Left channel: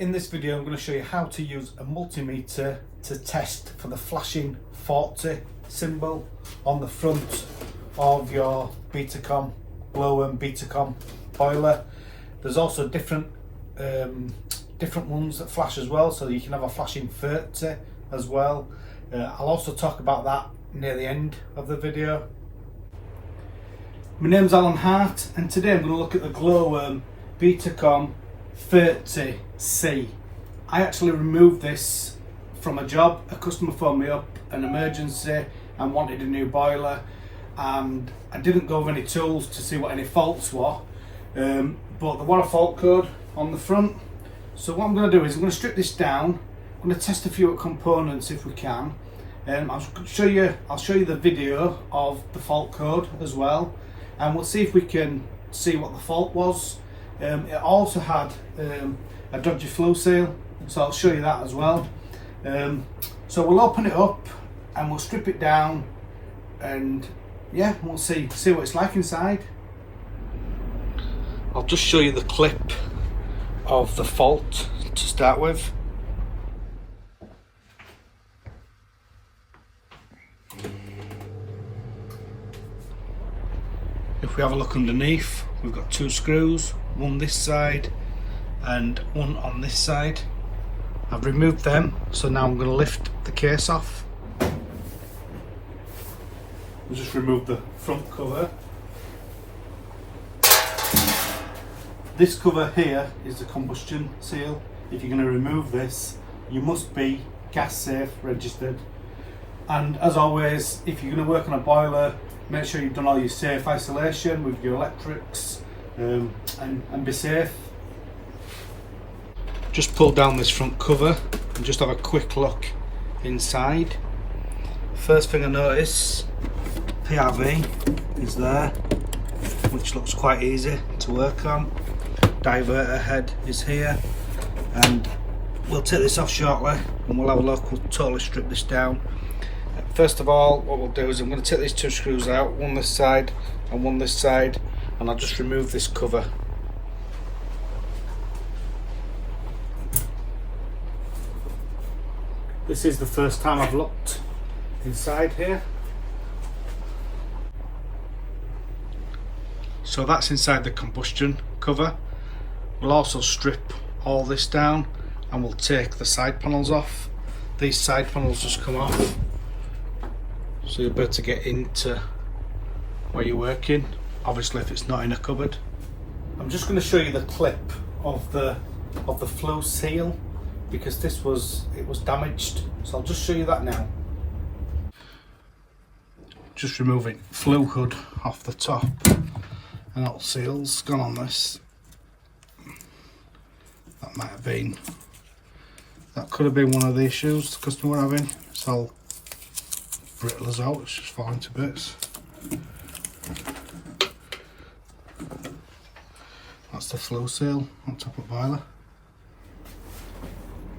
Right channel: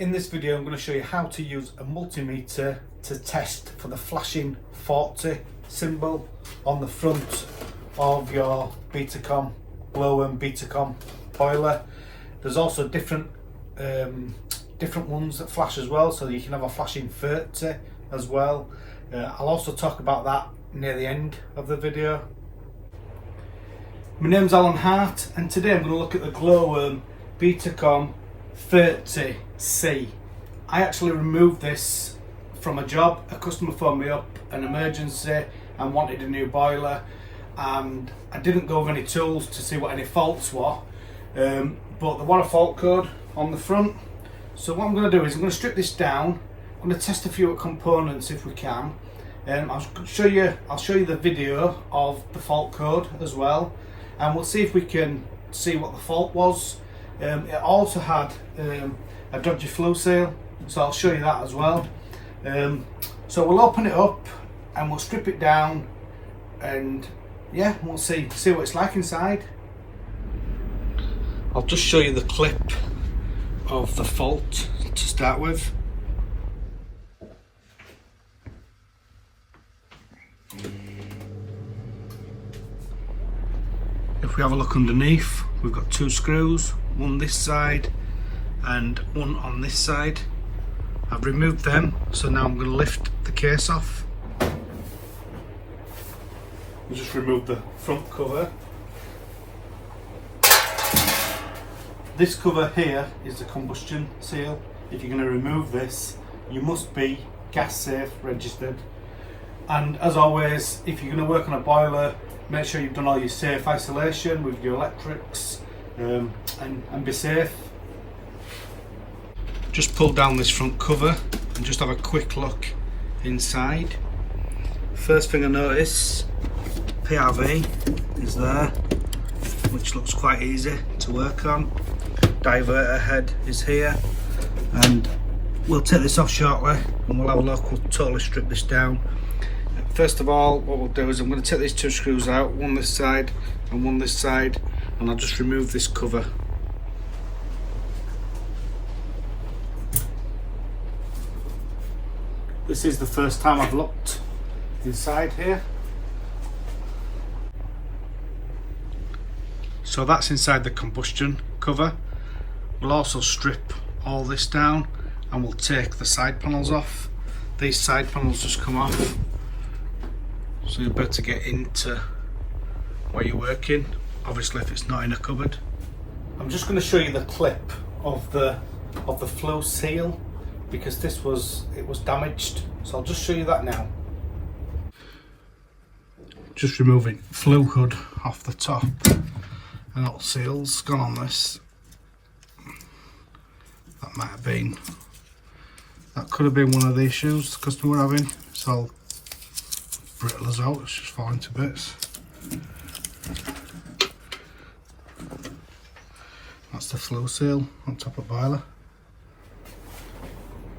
In this video I'm going to show you how to use a multimeter to test for the flashing 40 symbol on the front of your Betacom glow-worm Betacom boiler. There's also different ones that flash as well, so you can have a flashing 30 as well. I'll also talk about that near the end of the video. My name's Alan Hart and today I'm going to look at the glow-worm Betacom 30C. I actually removed this from a job. A customer phoned me up, an emergency, and wanted a new boiler, and I didn't go over any tools to see what any faults were, but there was a fault code on the front. So what I'm going to do is I'm going to strip this down. I'm going to test a few components if we can. I'll show you the video of the fault code as well, and we'll see if we can see what the fault was. It also had a dodgy flow seal, so I'll show you that as well. So we'll open it up and we'll strip it down, and yeah, we'll see what it's like inside. I'll just show you the clip of the fault to start with. If we have a look underneath, we've got two screws, one this side and one on this side. I've removed them, so now I'm going to lift the case off. We'll just remove the front cover. This cover here is the combustion seal. If you're going to remove this, you must be gas safe registered. And as always, if you're going to work on a boiler, make sure you've done all your safe isolation with your electrics, and be safe. Just pull down this front cover and just have a quick look inside. First thing I notice, PRV is there, which looks quite easy to work on. Diverter head is here, and we'll take this off shortly and we'll have a look. We'll totally strip this down. First of all, what we'll do is I'm going to take these two screws out, one this side and one this side, and I'll just remove this cover. This is the first time I've looked inside here. So that's inside the combustion cover. We'll also strip all this down and we'll take the side panels off. These side panels just come off, so you'll be able to get into where you're working, obviously if it's not in a cupboard. I'm just going to show you the clip of the flow seal, because it was damaged, so I'll just show you that now. Just removing flow hood off the top, and that seal's gone on this. That could have been one of the issues the customer were having. It's all brittle as out, it's just falling to bits. That's the flow seal on top of boiler.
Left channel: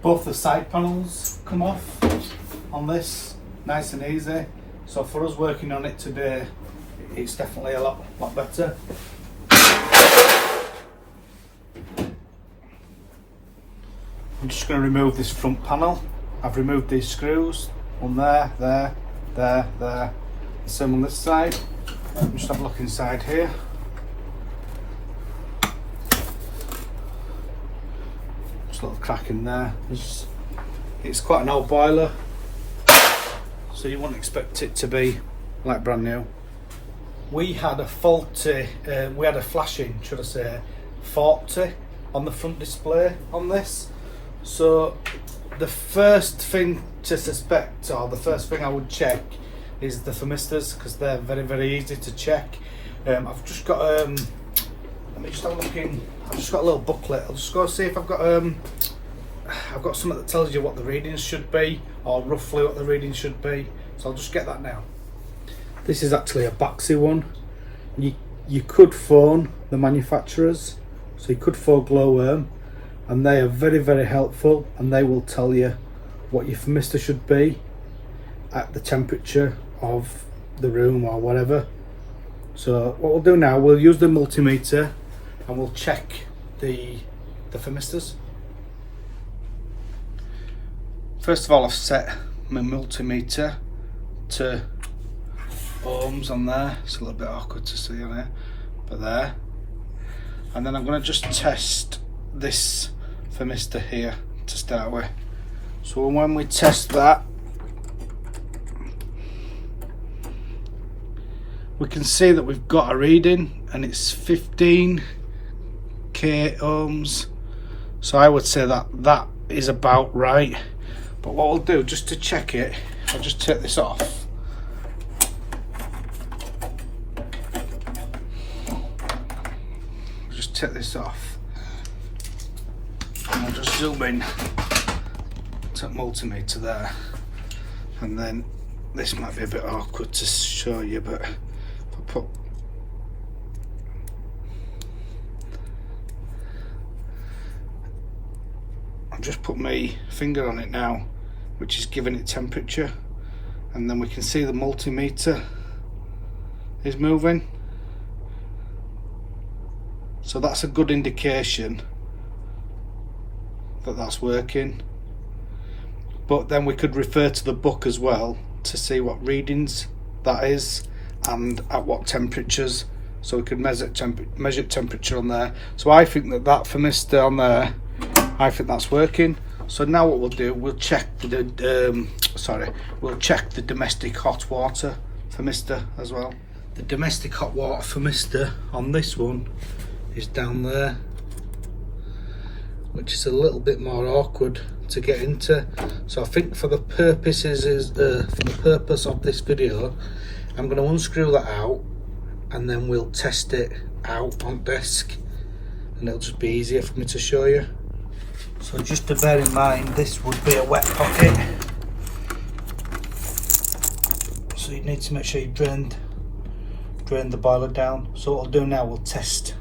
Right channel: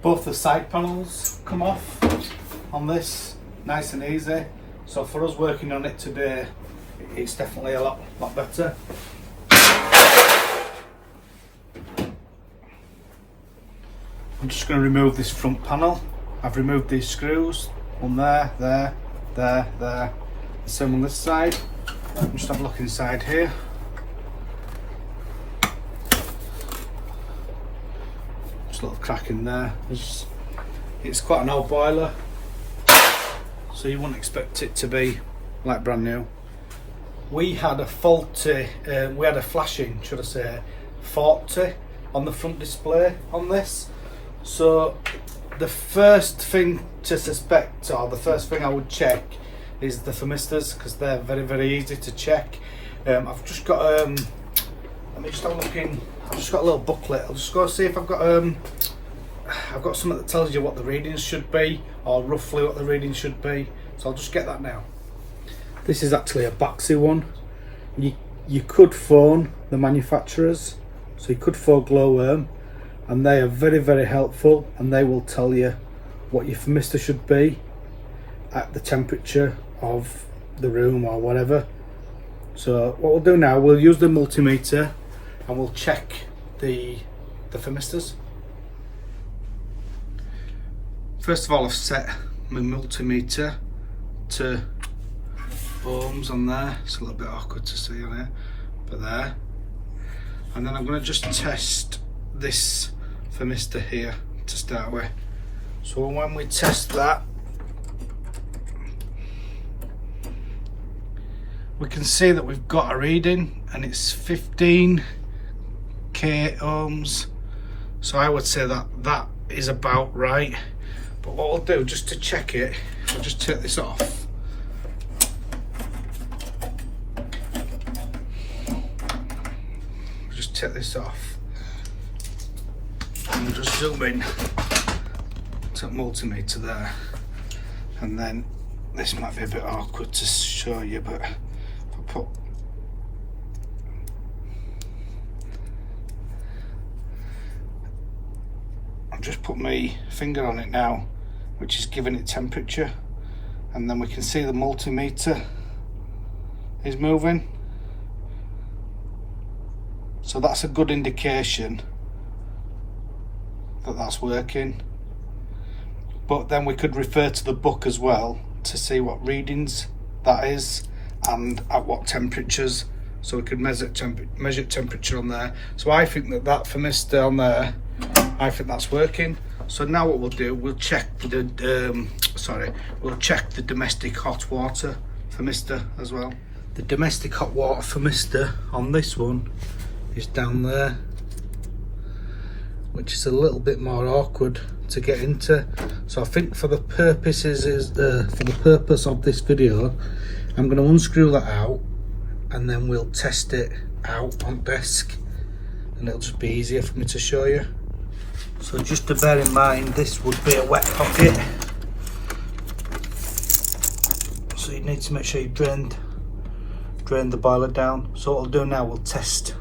Both the side panels come off on this, nice and easy. So for us working on it today, it's definitely a lot better. I'm just going to remove this front panel. I've removed these screws, one there, the same on this side. Just have a look inside here. Just a little crack in there. It's quite an old boiler, so you wouldn't expect it to be like brand new. We had a flashing, should I say, 40 on the front display on this. So the first thing to suspect, or the first thing I would check, is the thermistors, because they're very easy to check. I've just got let me just have a look in. I've just got a little booklet. I'll just go see if I've got something that tells you what the readings should be, or roughly what the readings should be. So I'll just get that now. This is actually a Baxi one. You could phone the manufacturers, so you could phone Glow-worm, and they are very helpful, and they will tell you what your thermistor should be at the temperature of the room or whatever. So what we'll do now, we'll use the multimeter and we'll check the thermistors. First of all, I've set my multimeter to ohms on there. It's a little bit awkward to see on it, but there. And then I'm going to just test this thermistor here to start with. So when we test that, we can see that we've got a reading and it's 15k ohms. So I would say that that is about right. But what we'll do, just to check it, I'll just take this off. Just take this off. And I'll just zoom in to multimeter there. And then this might be a bit awkward to show you, but if I put just put my finger on it now, which is giving it temperature, and then we can see the multimeter is moving. So that's a good indication that that's working. But then we could refer to the book as well to see what readings that is and at what temperatures, so we could measure temperature on there. So I think that thermistor on there, I think that's working. So now what we'll do, we'll check the domestic hot water thermistor as well. The domestic hot water thermistor on this one is down there, which is a little bit more awkward to get into. So I think for the purpose of this video, I'm going to unscrew that out and then we'll test it out on desk, and it'll just be easier for me to show you. So just to bear in mind, this would be a wet pocket, so you need to make sure you drain the boiler down. So what we'll do now, we'll test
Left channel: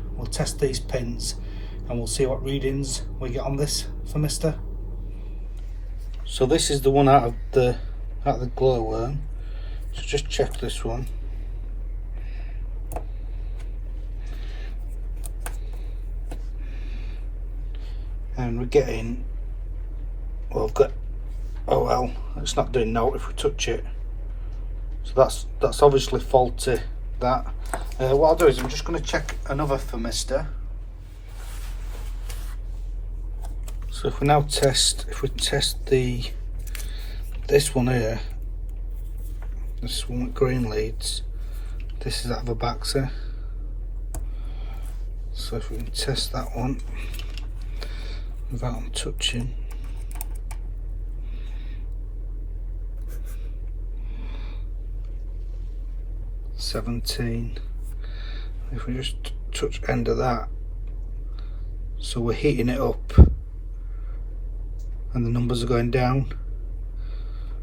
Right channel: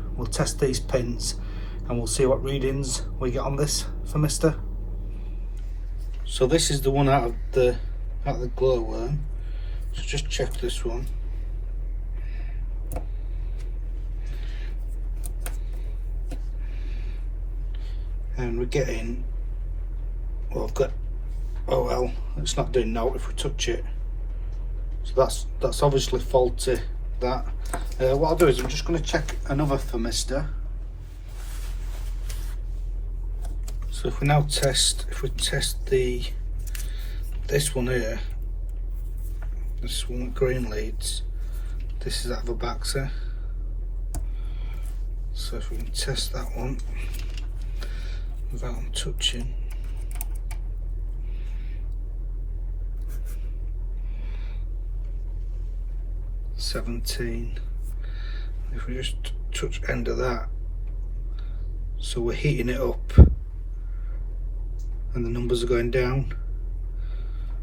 these pins and we'll see what readings we get on this thermistor. So this is the one out of the glowworm. So just check this one. And we're getting, well, oh well, it's not doing note if we touch it. So that's obviously faulty. That. What I'll do is I'm just going to check another thermistor. So if we test this one here, this one with green leads, this is out of a Baxter. So if we can test that one without touching. $17. If we just touch end of that, so we're heating it up and the numbers are going down,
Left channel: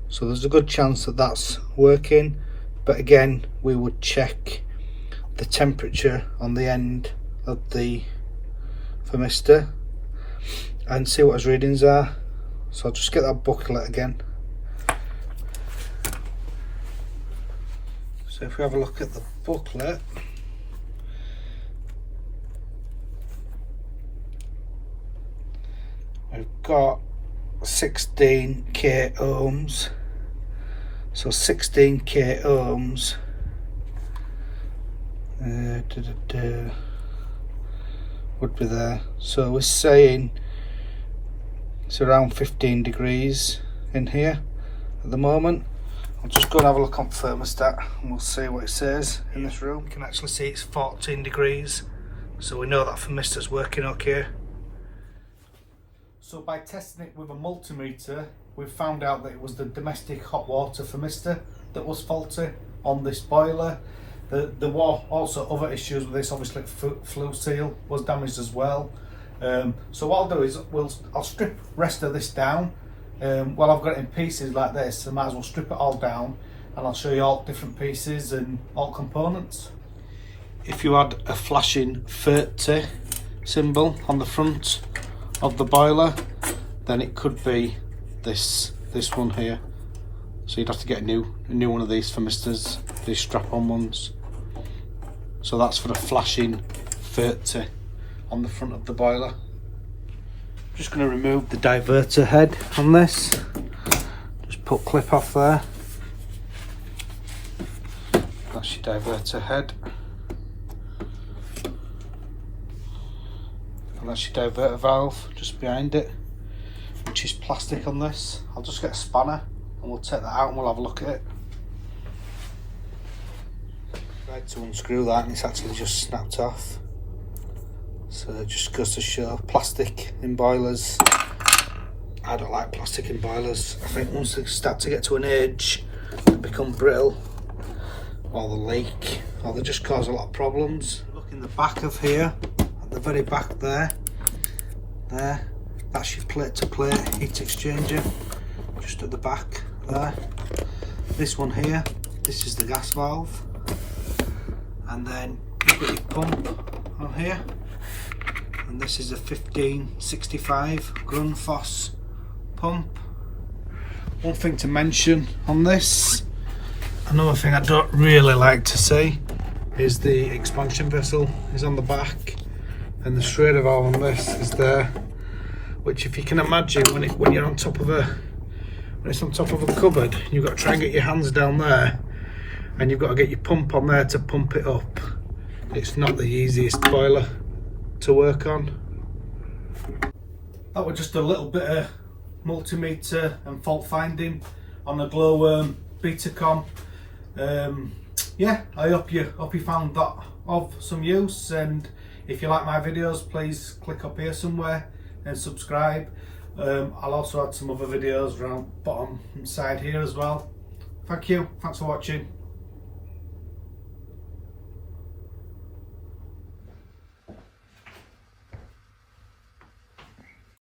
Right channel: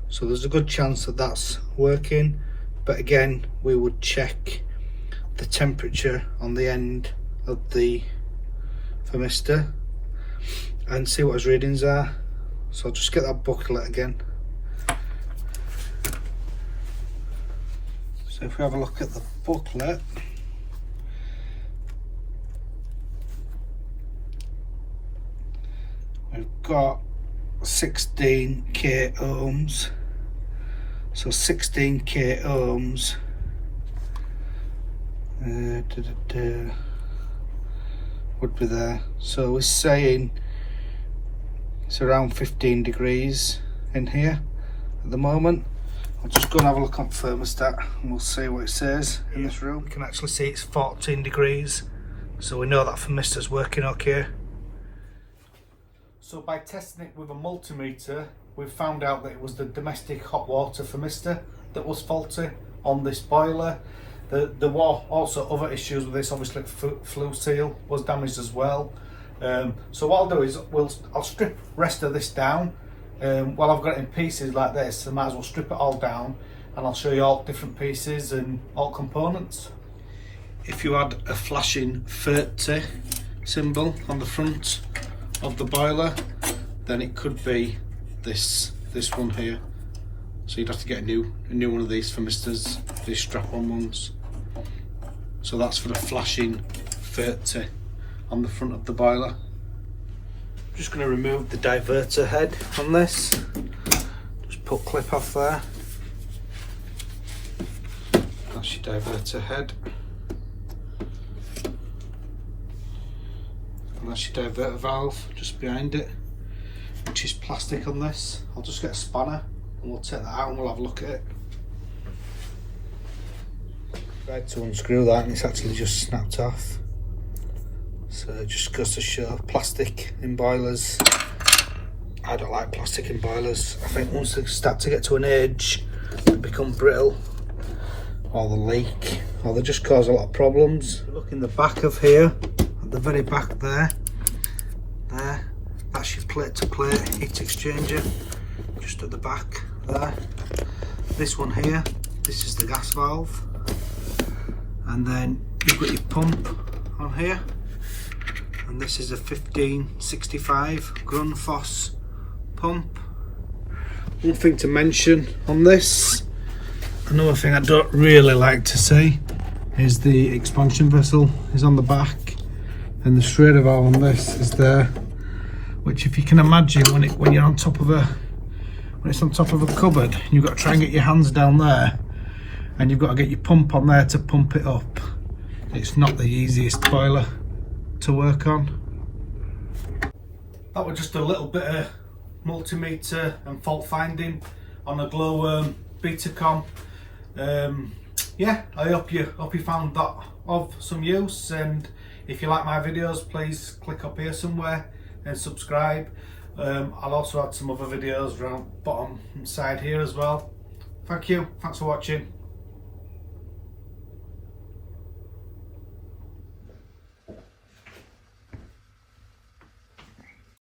so there's a good chance that that's working. But again, we would check the temperature on the end of the thermistor and see what his readings are. So I'll just get that booklet again. So if we have a look at the booklet, we've got 16k ohms. So 16k ohms would be there. So we're saying it's around 15 degrees in here at the moment. I'll just go and have a look on thermostat and we'll see what it says in this room. We can actually see it's 14 degrees, so we know that thermistor's working okay. So by testing it with a multimeter, we found out that it was the domestic hot water thermistor that was faulty on this boiler. There were also other issues with this. Obviously flue seal was damaged as well. So what I'll do is I'll strip rest of this down. Well, I've got it in pieces like this, so I might as well strip it all down and I'll show you all different pieces and all components. If you had a flashing 30 symbol on the front of the boiler, then it could be this one here. So you'd have to get a new one of these thermistors, these strap-on ones. So that's for a flashing 30 on the front of the boiler. I'm just going to remove the diverter head on this. input clip off there. That's your diverter head. And that's your diverter valve just behind it, which is plastic on this. I'll just get a spanner and we'll take that out and we'll have a look at it. Tried to unscrew that and it's actually just snapped off. So it just goes to show plastic in boilers. I don't like plastic in boilers. I think once they start to get to an age, they become brittle, or they leak, or they just cause a lot of problems. Look in the back of here, at the very back there, that's your plate to plate heat exchanger, just at the back there. This one here, this is the gas valve, and then you've got your pump on here, and this is a 1565 Grundfos pump. One thing to mention on this, another thing I don't really like to see, is the expansion vessel is on the back, and the Schrader valve on this is there, which if you can imagine when you're on top of when it's on top of a cupboard, you've got to try and get your hands down there, and you've got to get your pump on there to pump it up. It's not the easiest boiler to work on. That was just a little bit of multimeter and fault finding on a glowworm Betacom. Yeah, I hope you found that of some use, and if you like my videos, please click up here somewhere and subscribe. I'll also add some other videos around bottom side here as well. Thank you, thanks for watching.